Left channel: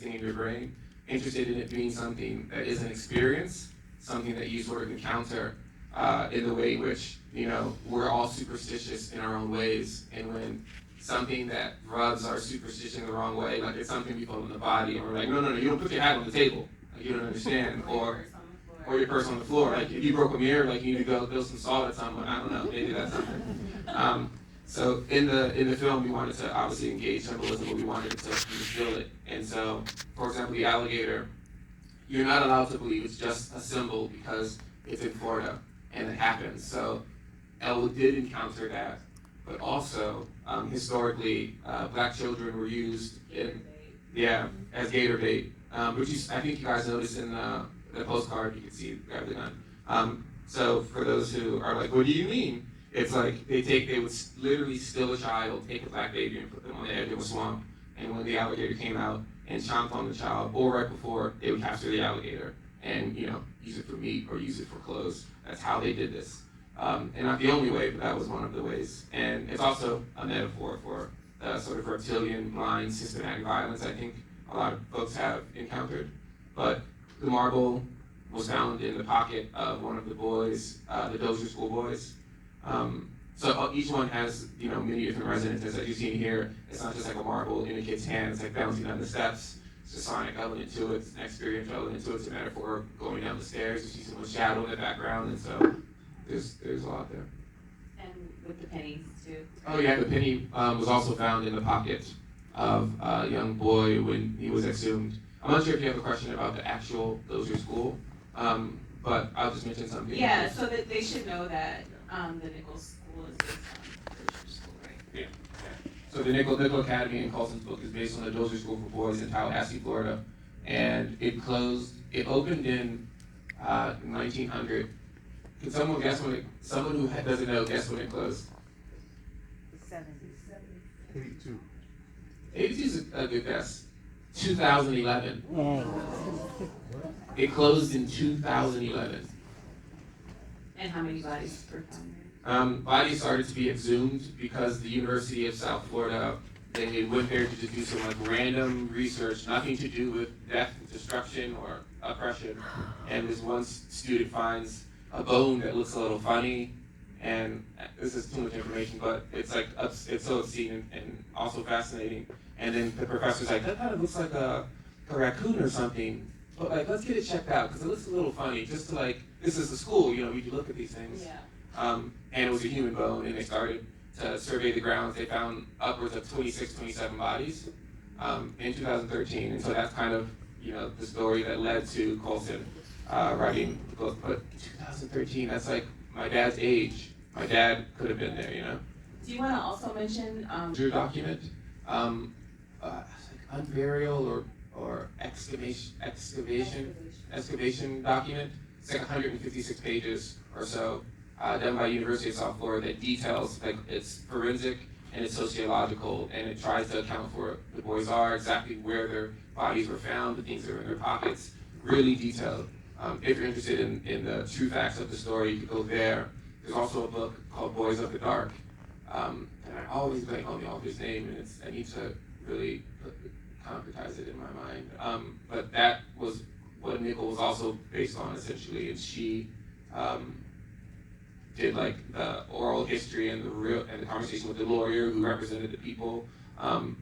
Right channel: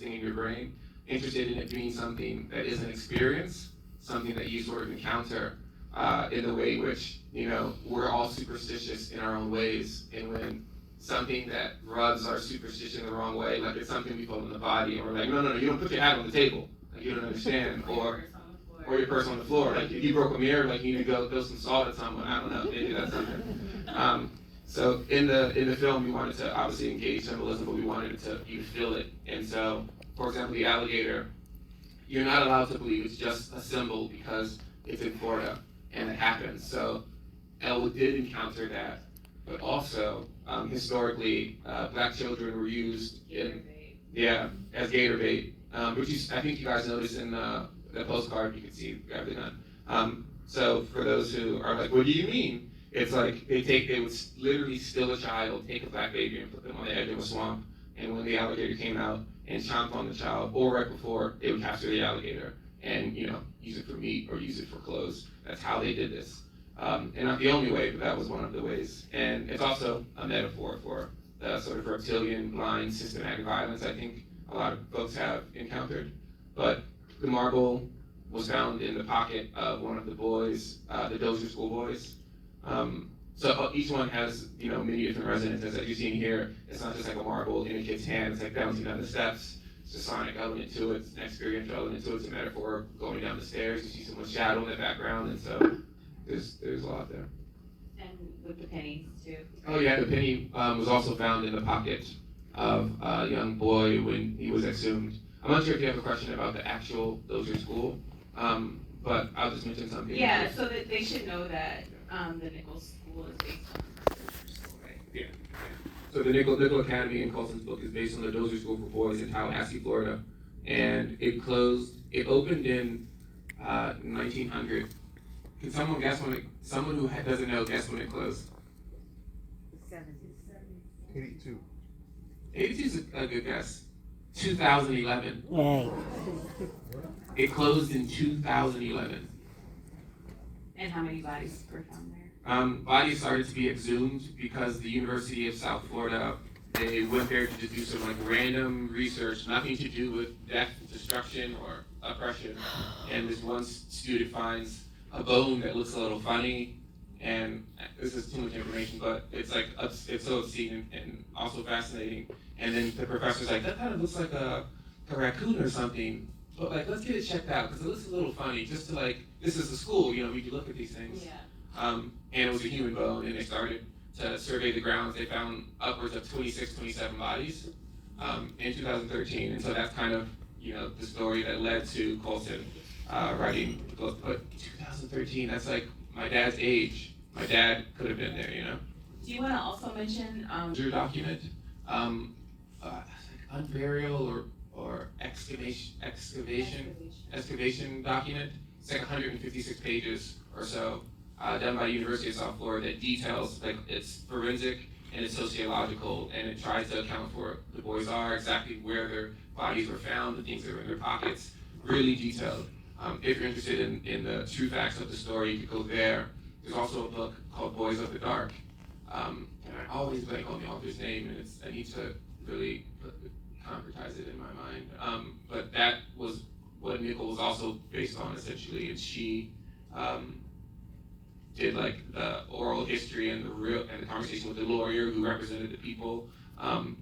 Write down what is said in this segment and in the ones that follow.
in your brain, interested in it being something that is an experience, something that you sort of encounter in the way in which, we're all superstitious in our own ways. And when something that rubs our superstition the wrong way, like it's something we feel in the body, or like, no, you don't put your hat on the table, like you don't understand, or your purse on the floor, like if you broke a mirror, like you need to go throw some salt at someone, I don't know, maybe that's something. So in the film, we wanted to obviously engage symbolism, but we wanted to feel it. And so, for example, the alligator, you're not allowed to believe it's just a symbol because it's in Florida and it happens. So Elwood did encounter that, but also historically, black children were used as gator bait, which I think you guys noticed in the postcard. You can see rather than. So for those who are like, what do you mean? It's like they would literally steal a child, take a black baby, and put them on the edge of a swamp. And when the alligator came out and chomped on the child, or right before, they would capture the alligator and use it for meat or use it for clothes. That's how they did this. And not the only way, but that was one of the ways. And it's also a metaphor for the sort of reptilian line systematic violence I think a lot of folks have encountered. But the marble was found in the pocket of one of the boys, the Dozier School boys. So each one has, many different resonances. As you've seen here, it's not just like a marble in a kid's hand, it's like bouncing down the steps. It's a sonic element to it, it's an experiential element to it, it's a metaphor of going down the stairs. You see someone's shadow in the background, and so there's a lot there. And with the pennies too. Oh yeah, the penny was also found in the pocket of a young boy when he was exhumed. I'm not sure if you have a question about the actual Dozier School, but I'll just mention something. Yeah, so that they should know that the Nichols School is based on the Dozier School, right? Yeah. So the Nickel Academy in Colson's book is based on the Dozier School for Boys in Tallahassee, Florida, and it opened in 1900. Can someone guess someone who doesn't know, guess when it closed? 82. 82 is a good guess. 2011. Yay. It closed in 2011. And how many bodies were found there? Bodies started to be exhumed because the University of South Florida, they went there to just do some random research, nothing to do with death, destruction, or oppression. And this one student finds a bone that looks a little funny, and this is too much information, but it's so obscene and also fascinating. And then the professor's like, that kind of looks like a raccoon or something, but let's get it checked out because it looks a little funny. Just to this is the school, you can look at these things. Yeah. And it was a human bone, and they started to survey the grounds. They found upwards of 26, 27 bodies in 2013, and so that's kind of the story that led to Colson writing the book. But 2013, that's like my dad's age. My dad could have been there, Do you want to also mention your document, unburial or excavation document. It's like 156 pages or so, done by University of South Florida that details it's forensic and it's sociological, and it tries to account for who the boys are, exactly where their bodies were found, the things that were in their pockets, really detailed. If you're interested in the true facts of the story, you can go there. There's also a book called Boys of the Dark, and I always blank on the author's name, and I need to really concretize it in my mind. But that was what Nickel was also based on, essentially, and she did the oral history and the conversation with the lawyer who represented the people. And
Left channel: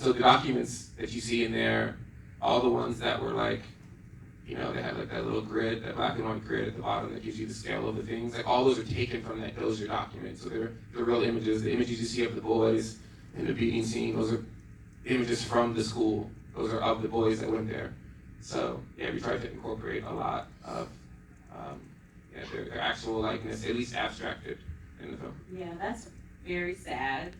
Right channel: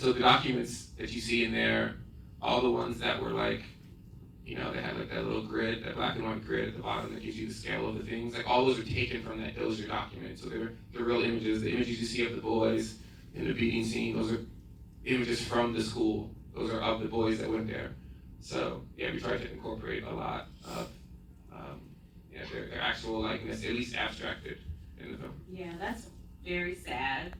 so the documents that you see in there, all the ones that were they had that little grid, that black and white grid at the bottom that gives you the scale of the things. All those are taken from that Dozier document. So they're the real images. The images you see of the boys in the beating scene, those are images from the school. Those are of the boys that went there. So yeah, we tried to incorporate a lot of their actual likeness, at least abstracted in the film. Yeah, that's very sad.